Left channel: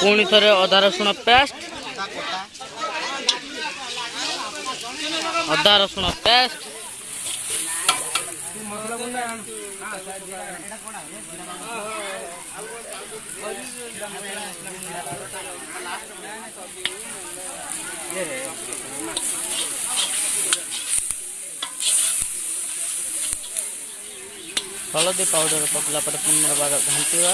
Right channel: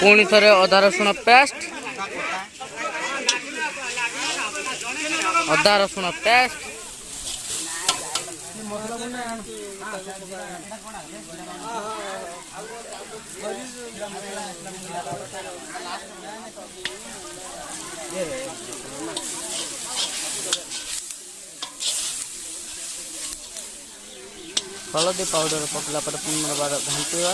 पुणी थे अदा रसुण पेस्ट हलदी पाउडर पकला पर पुनर्बार घांटा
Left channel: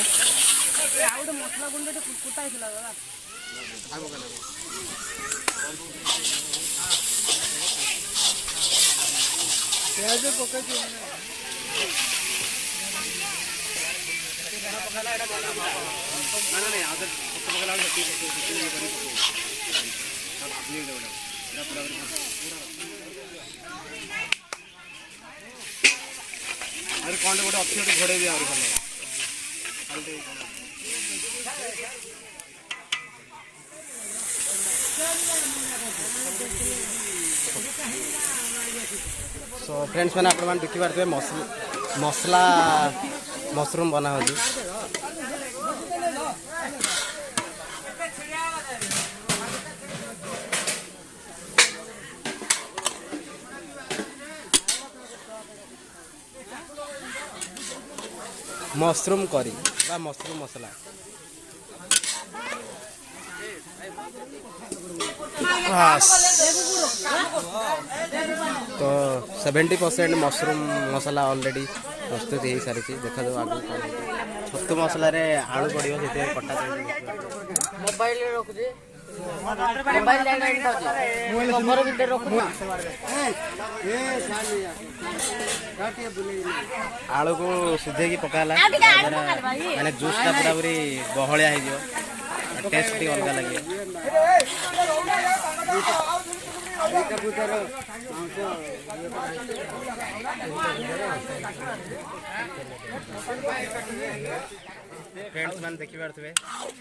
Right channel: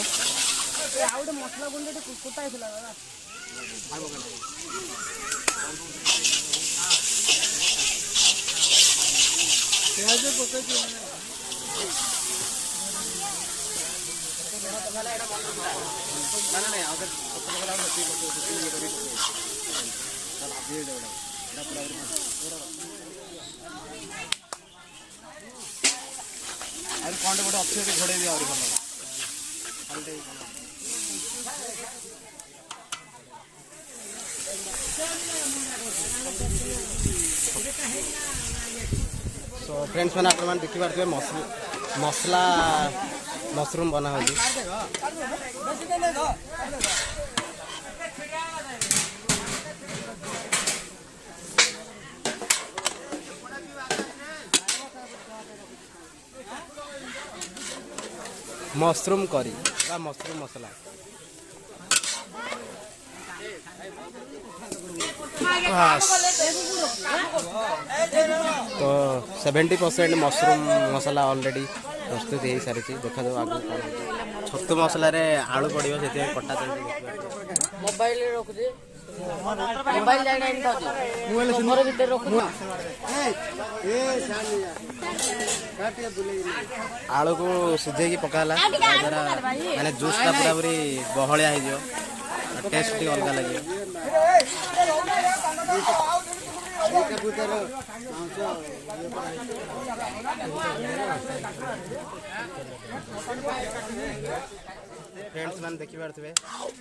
कौन गोटे अच्छे घोड़े भी तो फ्रेंड्स मैंने आप देखी पारे मसला मशरूम बना हो मशरूम करी बा मशरूम मसला तो 70% मशरूम मसला ऑलरेडी प्रस्तुत हो सारी देखा जाओ आगे कौन छतु मसला रे आलू पड़ो से कटा मोबाइल आलू को सीझे पकाला माने जूसटा पूरा पूरी बहलिया हो टेस्ट अलग लगे फ्रेंड्स मैंने देखी पारे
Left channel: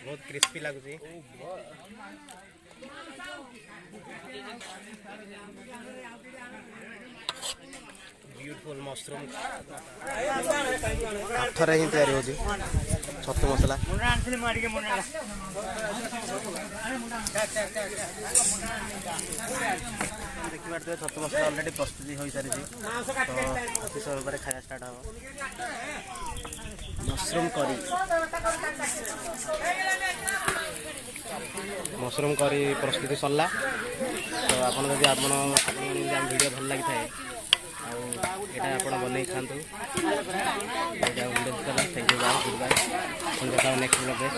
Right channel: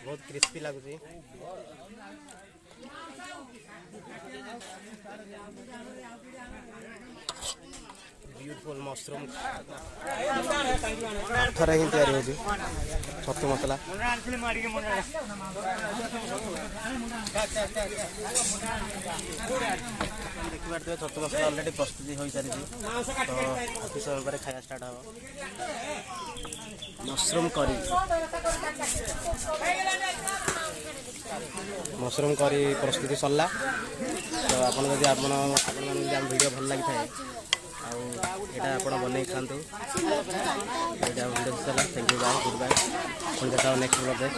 बहुत क्रिस्पी लगुच ब्यूटीफुल मशरूम काठर ही तैयारी हो छतु मसला देखिए छतु मसला ऑलरेडी प्रस्तुति हो सारी तो अति समय पर खाया स्टार्ट हो मशरूम करी प्रस्तुति सरला तो आपन जदि आपन वीडियो भल लगी थाए आउ आप बनई खातु वीडियो सरला thank you bye goodbye पुणी देखा नेक्स्ट ब्लॉग में।